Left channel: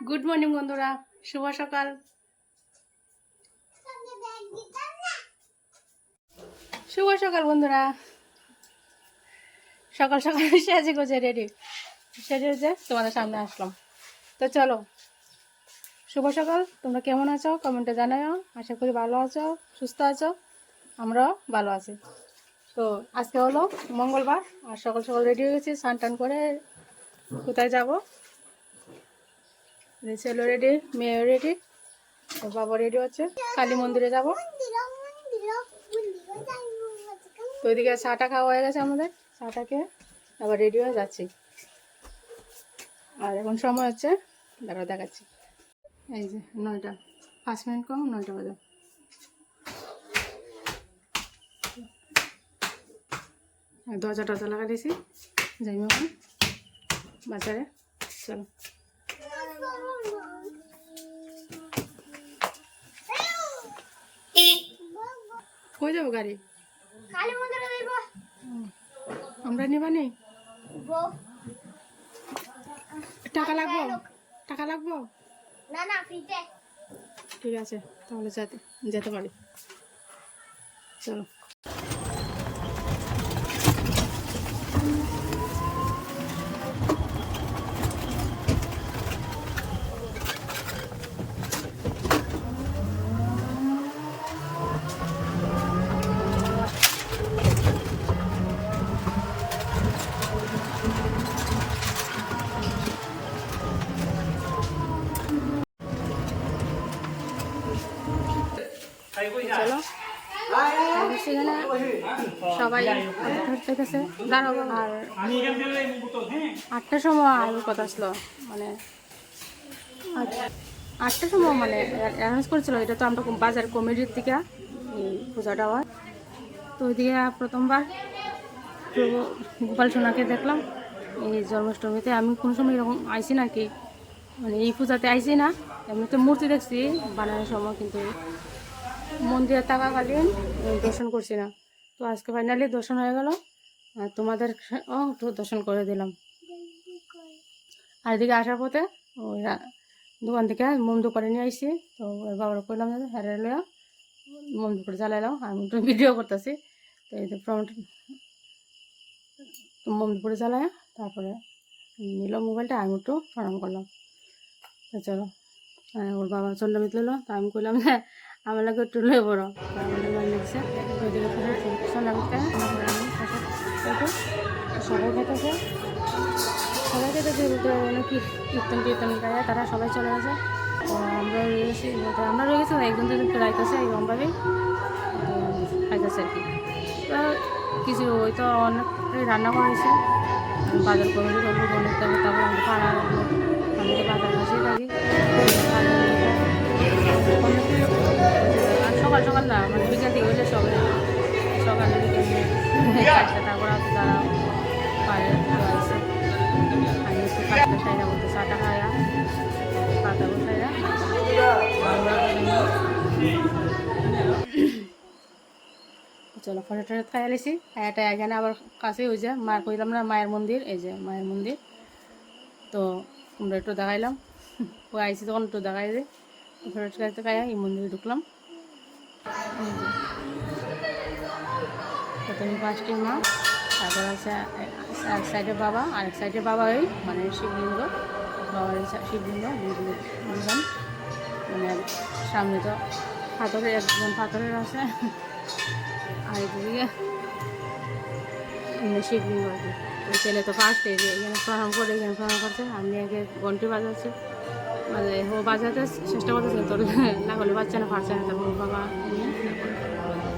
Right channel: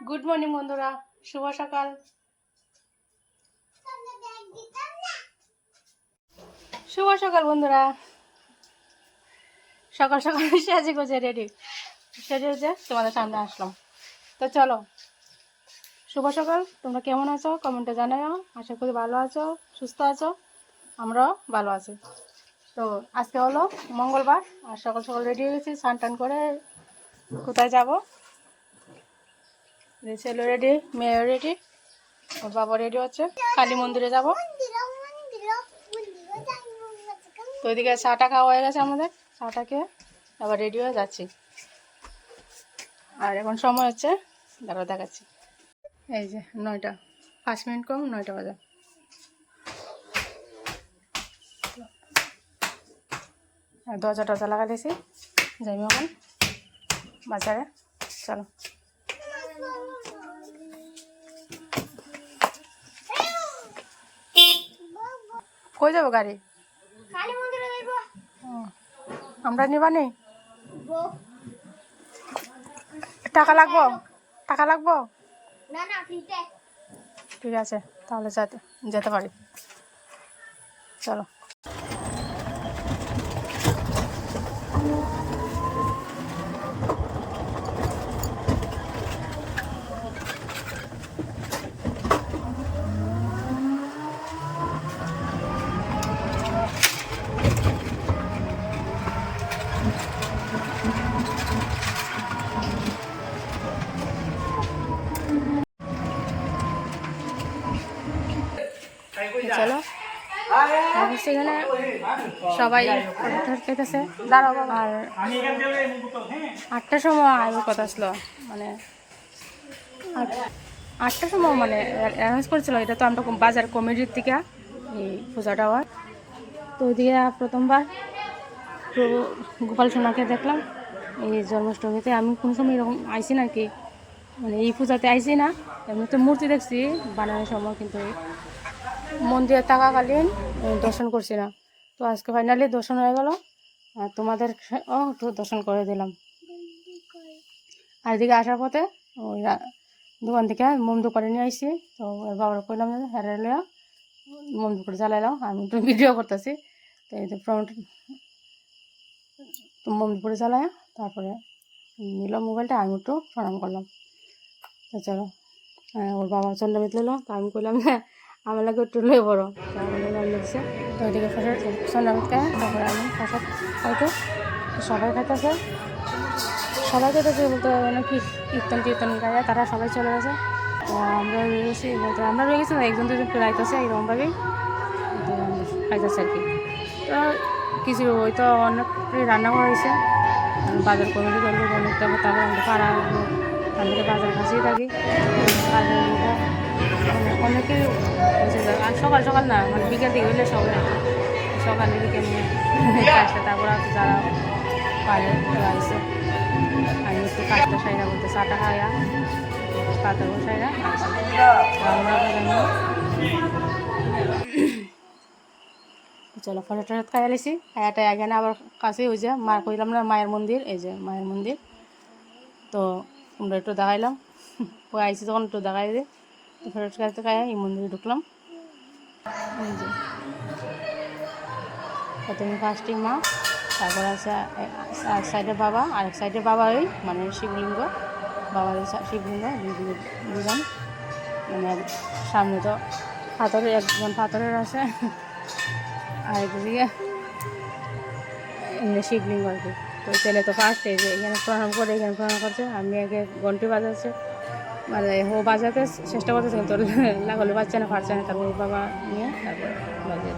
Good morning বন্ধুরা। শুভ সকাল। শুভ সকাল, বন্ধুরা। সকাল সকাল সেজে গোজে রেডি সেজে যে তোমাদের সামনে আসলাম। তো চলো, শুভ সকাল। তোমরা কেমন আছো? কমেন্টে জানাও আশা করি ভালো আছো, সুস্থ আছো। আমরাও ভালো আছি। তো আজকে হলো মঙ্গলবার, আর সকাল সকাল রেডি হয়ে গেছি স্নান টান করে কোথায় যাব? ছেলে রেডি মেয়ে রেডি ওর বাবা রেডি হচ্ছে। কালী মন্দিরে যাব। তো ওইদিকে চাটা খাওয়া হয়ে গেছে আমাদের। চাটা খেয়ে আবার রেডি হয়ে যাচ্ছি। আর এখন সময় হচ্ছে দাঁড়া দেখাচ্ছি। এই যে নয়টা, পাঁচ মিনিট কম, নয়টা বাজে। দরজা টরজা লাগা দিয়েছি। যাইমি এখন বাজারে, চলো। কই যাব গাড়ি? আমরা নিবা নি টাকা লাগবো? টাকা লাগবো? ঠিক আছে তাহলে যেতে যেতে পারি। চলো। সবাই দাঁড়াবো আর আটটার সময় আসার কথা আসলো মানে আট- আটটার সময় মানে অ্যারেঞ্জ করেছিল, এটা তো আমরা বাজার কমিটির থেকে এই পূজাটা হয় তো ওইদিকে প্রথমবার প্রভু গোপাল সোনাকে দেখলাম, এই জন্মাষ্টমীতে। আমি কোনো সময় এরকম আইসি না কি মানে এই পূজাতে আইসি না আমি তো মূর্তি দেখছি, বানানোর সময়, কিন্তু মন্দিরে থাকাকালীন দর্শন করছি না। তো আজকে ফাইনালি দর্শন হয়ে গেল। আর তোমাদের ও একটু দর্শন করে দিলাম। আর এদিকে আসার পথে ওই দোকান থেকে মোম দোকানে নিয়ে আসছি। তো ওর বাবার কইলাম হেরে লইয়া মোম দোকানে জ্বালাইলাম আমি একটু ভিডিও করতেছি। তো এই তো মোম দুপুরে জ্বালায় তারপরে নিল মোবাইলটা আমি একটু প্রণাম করলাম। তো চলো হ্যাঁ, ওর বাবা চন্দ্রমিত লইলো। তা আমি কইলাম যে আমার লাগে লই বড় লাগে গান লিখছে তো ওইদিকে ফাঁসে চন্দ্রমিতকে তারপরে আমি ফাঁসে খাইতে সবাই খাইতেছে। সবাই খেতেছে বলতে যেন কি কীর্তন কীর্তন গায়ে তারা সবাই চলে গেছে। তো আমরা রয়ে গেছি বলতে আমরা রয়ে গেছি একজন দুজন রাইতেছে এরকমভাবেই খাইতেছে আর কি। তো কিছু ওই তো অনেক রান্না করা আমি বাজার কমিটি করব, অনেক তারপর তারপর আমাদের পাড়ার লোক আমাদের বাজার কাছেই থাকি। বাজার না মানে বিকেল দিকে হইলে সবাই সকালে বিকেলে কাজটা তারপর আর যারা পারে এসে আমি একটু কাজটা সাইরা বলতে চাটা খাইয়া কাটা বসাইরা চলো ফটো টটো খাই আলিছি খাইয়াটা এখানে আবার কাছেই হয়ে যায় মা কইলাম না, মায়ের মন্দির, এই যে মায়ের মন্দির। তো আমরা একটু দেখাইলাম। ওই আইসি তখন একটু দেখাই দে তো ফটো খাইতে খাইয়া এই মন্দিরে ঢুকলাম। এই যে। প্রথমে ফার্স্টে মা, তারপর আছে এক সাইডে বাবা, আর এক সাইডে বাবা ওই মানে শিবলিঙ্গ, বাবার শিবলিঙ্গ দুজন মানে সামনে তো পাথরের একজন পাথরের আছে, আর এদিকে এমনি শিবলিঙ্গ আর কি। তো ছেলে তো ফার্স্ট এখানে প্রণাম করে, এখানে প্রণাম করছে আমি আগে ঘন্টি বাজাচ্ছে। মানে ও বাজাতে চেষ্টা করতেছে কিন্তু লাগালে বাচ্চা না ফাটছে না তারপর বাবা নিয়ে তারপর যে,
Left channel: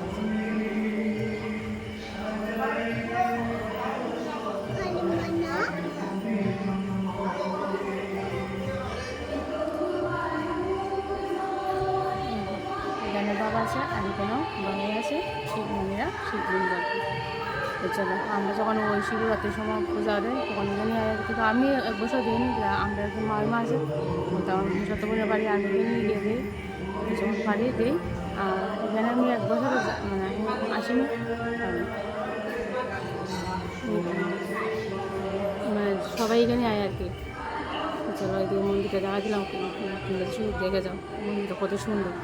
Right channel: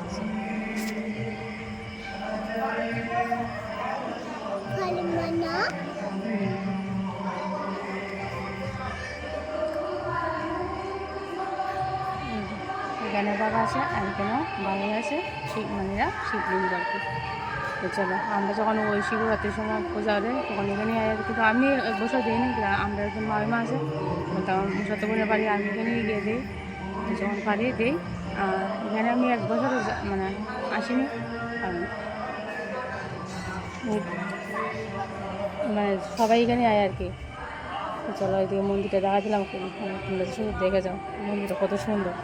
এখানে বাবা আছে আর এখানেও বাবা আছে শিব মানেরা শিবলিঙ্গ আর কি। তো চলো, আমরা যখন ওই শিবরাত্রির সময় পূজা দেয় তখন এখানে কিন্তু আমি এক বছর দিইনি আমরা একজন মামিমা আছে বলতে আমার বোনের বাড়ি আমি এখানে গিয়ে দিই যখন পারি দিই, আর এখানে আমি এক বছর মানে আসিনি মানে সবাই এখানে আয় আর কি। চলো, এদিকে মন্দিরটা দেখা দিলাম কি- তোমরা শুধু দেখে যাও, মন্দিরটা কত সুন্দর।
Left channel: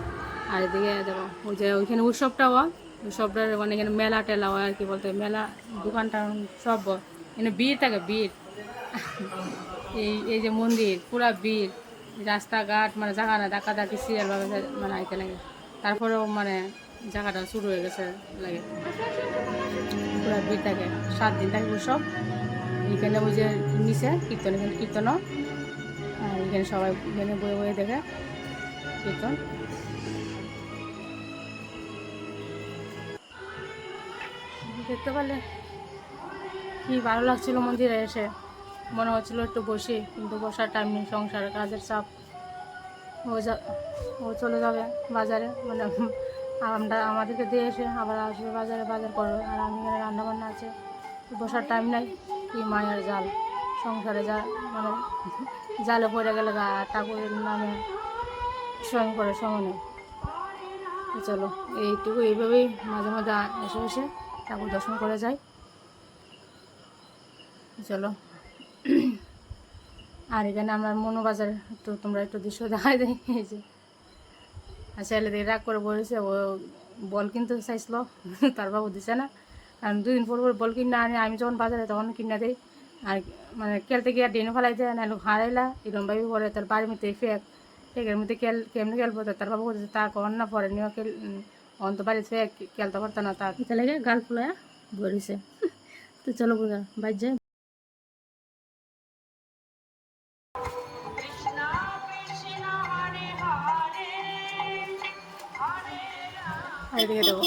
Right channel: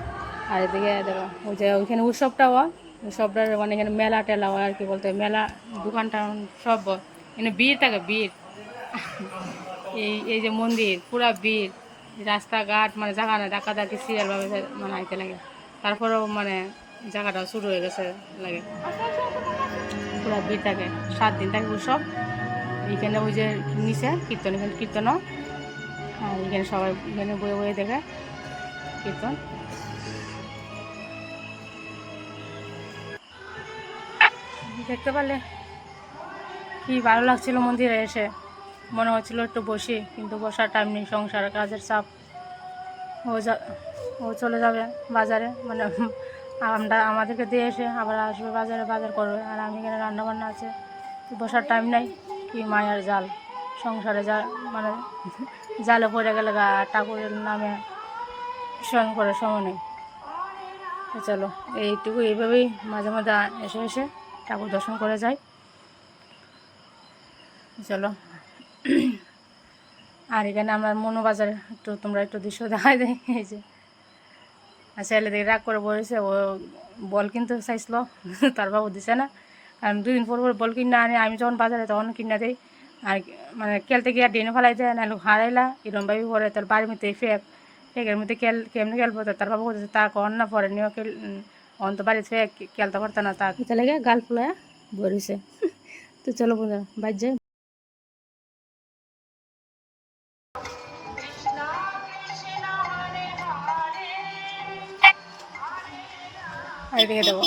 আর এদিকে দেখো, ওই যে ওইখানে উৎসবটাও হয়। উৎসবটার মানে এখানে মেলা টেলা হয় আর কি বলতে, মেলা দোকান টান সব। এখানে ভিড় থাকে, ভিড়। এই এই যে মন্দির, পুরা ভিড়। রাস্তাঘাট মানে জায়গা না ডাকা ডাকি সিরিয়ালভাবে মানে আইতে লাগে। তারপরেও মানে জায়গাটা শুরু হয়ে গেছে লাগে। পুরা ভিড় থাকে, সাত দিন থাকে উৎসব। এইখানে ওই যে নিচে কীর্তন, এখানে কীর্তন হয়। আর এখানে সবাই এখানে বয়ে বয়ে দেখে কীর্তন। দেখতে পারলে কি ভালো লাগছিল মন্দিরে এসে? মনে হচ্ছিল একটু বসি, কিন্তু বসার টাইম নেই, সংসার কাজের চাপ। ও যা, ও চলে যাবে বাজারে মানে আমরা, আমাদেরকে দিয়ে এসে আবার আসবে বাজারে, বাজার করবে। আর আমি এখানে রান্না বান্না আছে বসার টাইম নেই। কি মায়ের জাল, সংসারে যা মানে জালে পড়ে গেলে গা, ঠাকুরের নামে স্মরণ করে সময় নেই। চলো, এইটুকু, এইভাবেই মাঝে মাঝে এসে এসে ঠাকুর দর্শন করে যাই চলো। আর এখানে আমার মনো বাজার একটু তোমরা একটু দৃশ্য দেখাই দেয় এই যে। আর ছেলে দিকে রাগ করে বলেছে, ও বল কিনতে চাইছিল, তার বাবু দিছে না। কারণ দুদিন পর পর বল কিনে আনি, আমি যখন বাজারে তখন কিনে দিই। আর মানে খেলতে গিয়ে ডেনে ফেলাই দেয় না হারাইলা এরম ভাবি পরে তার বাড়ির মধ্যে ফেক, ফেকের মধ্যে খেল, কেমনি খেলব, তার বাবু বলছে তা কন না, পরে নিয়েও খেল অন্ত বাড়িতে ফেক খেলতে পারতো না তা এটা লেগে গাল ফুলায় বলিছে তো চলো বোঝা বাইর যাই। আর এদিকে দেবো।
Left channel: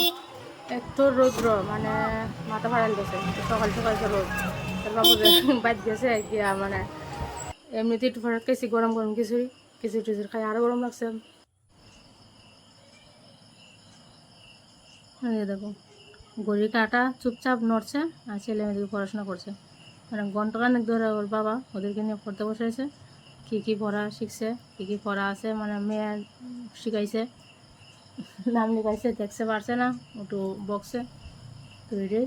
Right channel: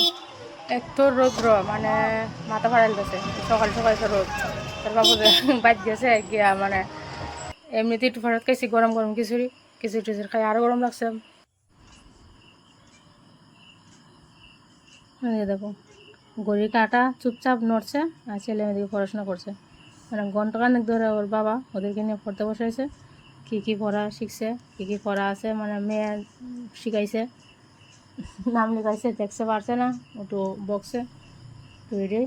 এত রৌদ্র মানে মাথা ফাড়াল গেছে সকাল সকাল তো রোদ। তার বাবু বাদ গেছে গিয়া মানে এমনিতে একটু ফেরত খাইছি গরম গরম খিচুড়ি। খিচুড়ি টিচুড়ি খাই আরও গরম লাগছে। দেখো গড়ি কাটা চুপচাপ নড়ছে আর ছেলে মেয়েদিকে পড়াশোনা করছে। মানে ঘন্টাখানেক ধরে ওর বাবা ওদেরকে নিয়ে পড়তে বসেছে, কী কী পড়া শিখছে, কী কী পড়া আছে মানে মেয়ে শিখাইছে, নাম লিখাইছে, দেখতে পারছে না, একটু বক্সে তো এটাই।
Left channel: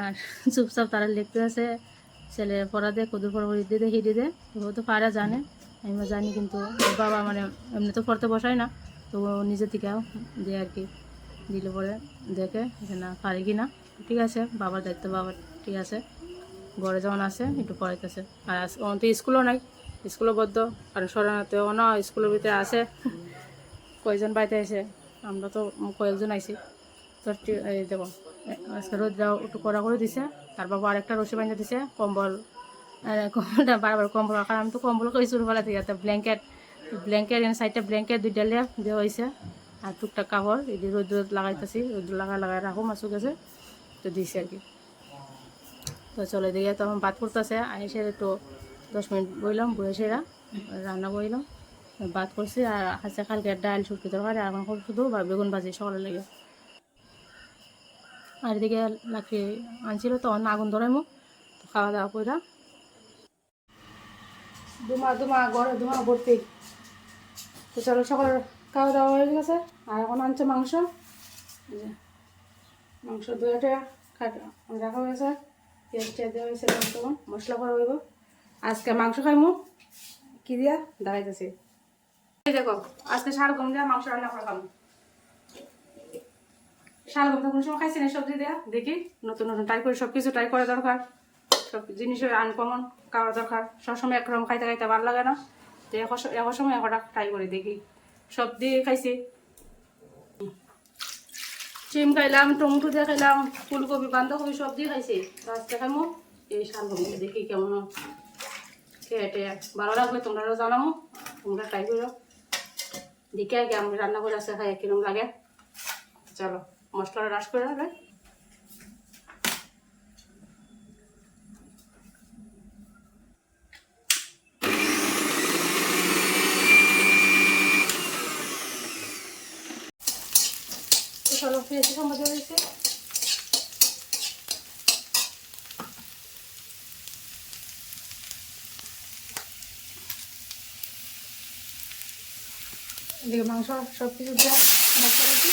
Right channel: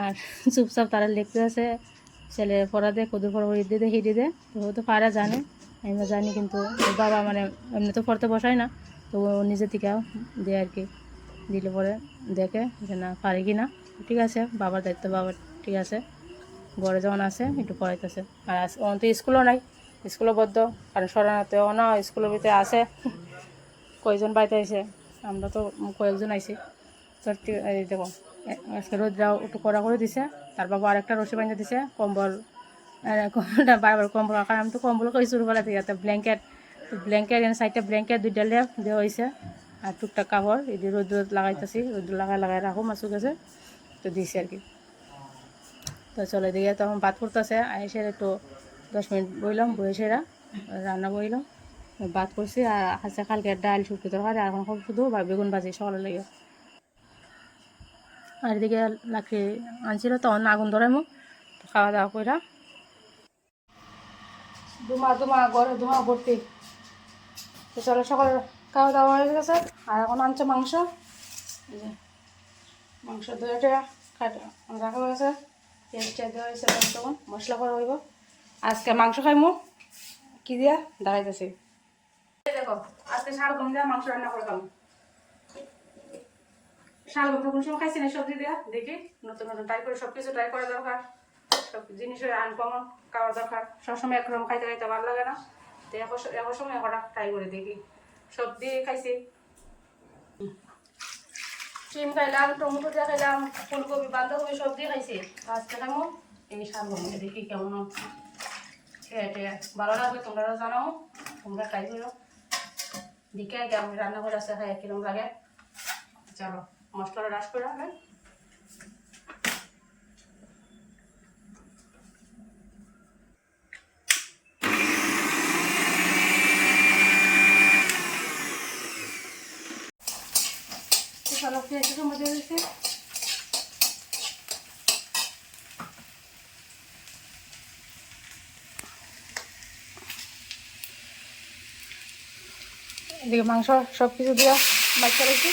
আর চুপচাপ তারা লিখতে আছে, ছেলে পড়া দে, কদুর পড়া হিদি দে হিদি দে তো ও তো পারা জানে আমি জানি কিন্তু ওর বাবা মানে এমনি তো পড়তে বসায় না তো ও নিজে থেকে দেয় আর কি। দিলে পরে দেখে যে না, পারি কি না? ঠিক আছে, বাবার দায়িত্ব বাবার ঠিক আছে। ঘরে যখন আসে একটু পড়াইতেছে। আর আজ- অন তো স্কুলও নাই, স্কুলও বদ্ধ। কারণ শরণাতেও না, স্কুলের ভিতরে আছে। কয়েকজন বাড়িতে এসে আমরা তো কয়েকজন আইছি। তো দেখো আজকে রোদটাও একটু কড়া করে দিছে। তার বাবা আরেকটা রসি বাঁধে দিছে, কম্বল। কম্বলটা বারবার কম্বল কারণ আমি তো কম্বল শুরু ফেলা থেকে ব্ল্যাঙ্কেট ব্ল্যাঙ্কেট এনে সাইডটা ব্ল্যাঙ্কেট দুইটা লেপ দেওয়া হয়েছে আর টুকটাক কাপড়, এই যে রোদ লাগাইতেছি রোদ লাগাই লাগাই রাখো মাছু গেছে তো দিছি আর কি। তো চলে দিকে তখন ভাত করতেছে এসে একটু দশ মিনিট বইলাম বয়ে সেরা রান্না বইলাম ভাত করছি আর আছে কালকে ডাল শুটকি তরকারি আর এখন শুধু বা বেগুন ভাজি, সকালে লেগে। আর এদিকে লাকড়ি আনছিল তখন আগুন ধরে মুখ খাওয়া দাওয়া কইরা দুমা দুমা ঘরে দুমা ভর্তি তো চলো, সকালে খাওয়া দাওয়া হয়ে গেছে। আর এখন আনছে মাংস। মাংস রাখা হয়েছে পেঁয়াজ দেওয়া হয়েছে তখন। মশলা করা হইব। আজকে মাংস খাইমু। কি দিয়া? দাঁড়াইতেছি। এই দেখো, আজকে শাল গম দেওয়া মাংস রান্না করে খাব শাল গম কোনো সময় খাইছি না, সবজি দেওয়া দেখি, নতুন নতুন ট্রাই করে সব কিছু ট্রাই করা দরকার। সব জিনিসের আনকমন খাওয়া দরকার। সবসময় একরকম খাইতে খাইতে ভালো লাগে না। তো এখন সময় একটা ট্রাই করে, দেখি। সব দিয়ে খাইছি। সিম খাইলাম, টমেটো দিয়ে খাইলাম, ফুলকপি, বাঁধাকপি সব দিয়ে খাইছি। আজকে খাইমো এই শাল গম দেখি কেমন খেয়ে ভালো লাগবে তোমরা জানামো তোমরা ট্রাই করো। দেখে আগে আমরা রান্না করে আসতে খাই কিরম লাগে। চলো, মশলাটা রাস করে রাখবেন চলো ফ্রেশ সম্মতি হয়েছে এদিকে মাংস সব কিছু দিয়ে বাদ করেছি।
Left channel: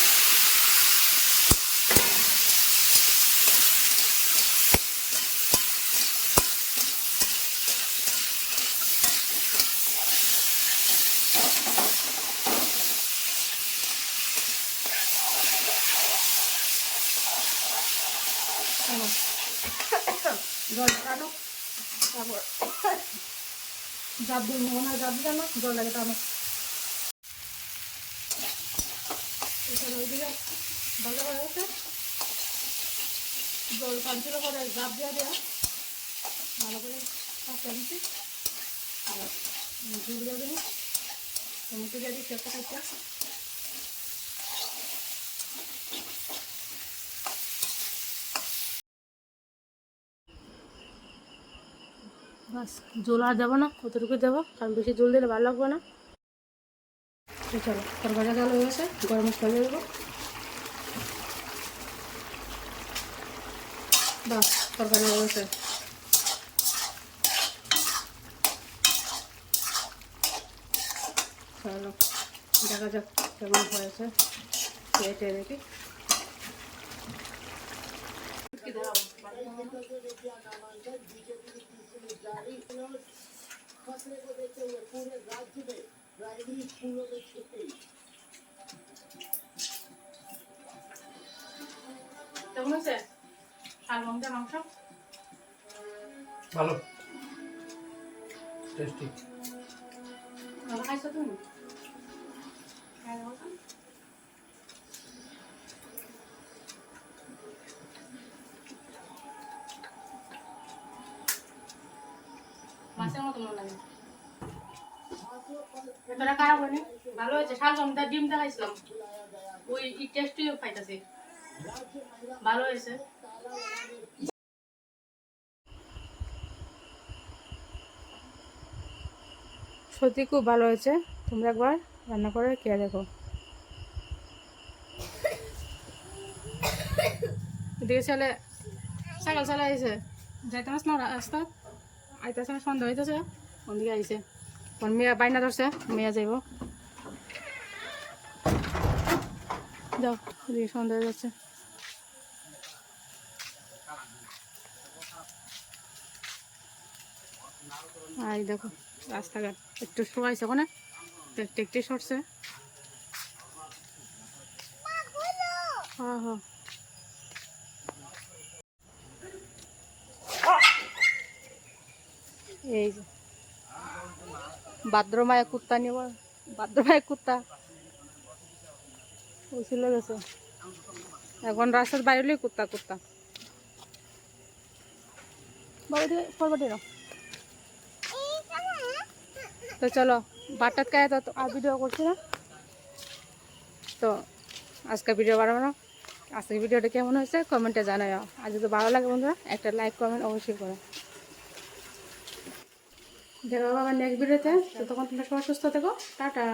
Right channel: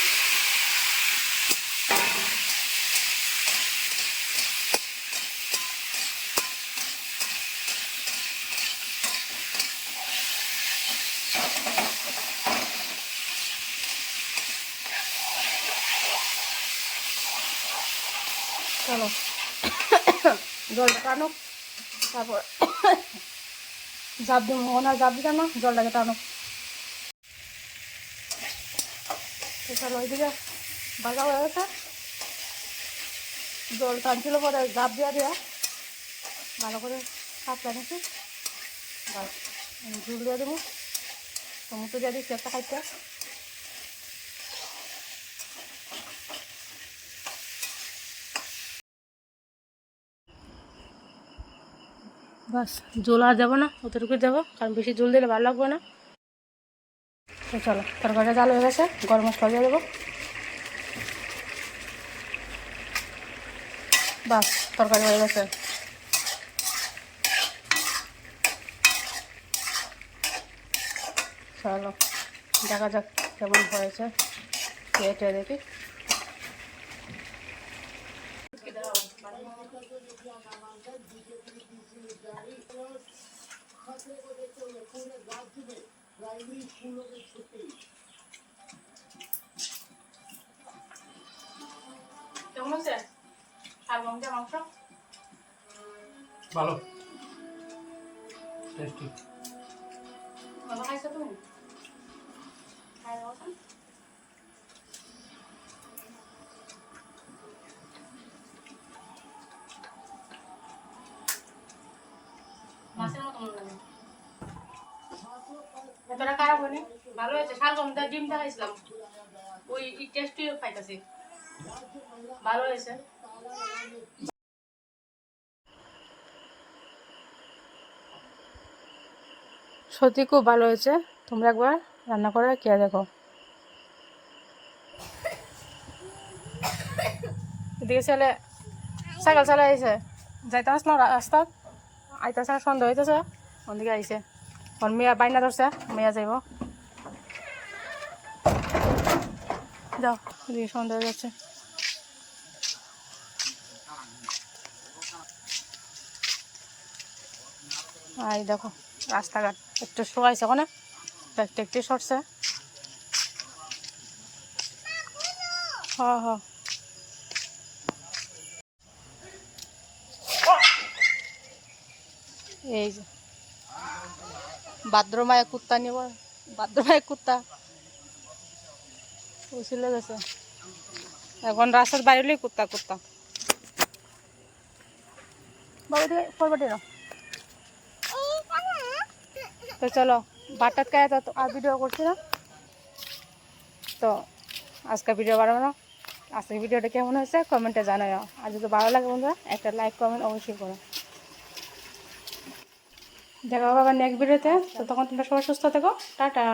টানুক তারপর জাপ দিব মনে জাপ দিতাম না জলটাকে টানুক তো চলো ওইদিকে ভাজা হয়ে গেছে। জল টানছিল পরে জাপ দেওয়া দেওয়া। ভালো করে কাপ টানেছি। আর ঝুল দিয়ে দেবো। টমেটো দিয়ে দিচ্ছি একটা খাইতে বাস, জল আর যাব না, অতটুকু যাব, কারণ বেশি জল দিলে ভালো লাগবে না। চলো, তরকারিটা জাল হয়ে গেছে, গরম মশলা দিয়ে দেবো। বাস, তরকারি হয়ে গেছে। চলো, দেখা যাক কেমন হয়েছে। খেয়ে দেখি। কেমন আছে? শালগম দিয়ে মাংস ভালো। টেস্টি ভালো খাইছো তুমি? খাই সত্যি খুব ভালো হয়েছে। তোমরা একবার রান্না করে খেয়ে দেখো। এদিকে ছেলে সাইকেল চালাই আইছে যাইতে আসলাম রাস্তা আইতেছে না সন্ধ্যা হইতেছে। ওদিকে আইছে। ওর মেয়া বাইনা ধরছে, মেয়া যাইব। যাও এদিকে সন্ধ্যা হয়ে যাচ্ছে। আর এই দেখো, রাস্তাঘাট। একটু শোয়াইছে ওখানে একটু একটু সরছে। হ্যাঁ হ্যাঁ এই যে। ভাদ্রমায় কুত্তা নিব, ভাদ্রমায় কুত্তা উছিল গেছে। এখন রাস্তার বাইরে কুত্তা কুত্তা বাবা ফরবাটি তো চলো, বাটাত খায় তো আর ভিডিও করছি না। তো আজকে ভিডিও বাড়াবো না। আজকের ভিডিওটা কেমন হয়েছে? কমেন্টে জানাও আর যদি ভালো লাগে বন্ধুরা, একটা লাইক, কমেন্ট অবশ্যই করো। দেখা হবে আবার নেক্সট ভিডিওতে তো। তখন তোমরা সবাই সুস্থ থাকো। টাটা।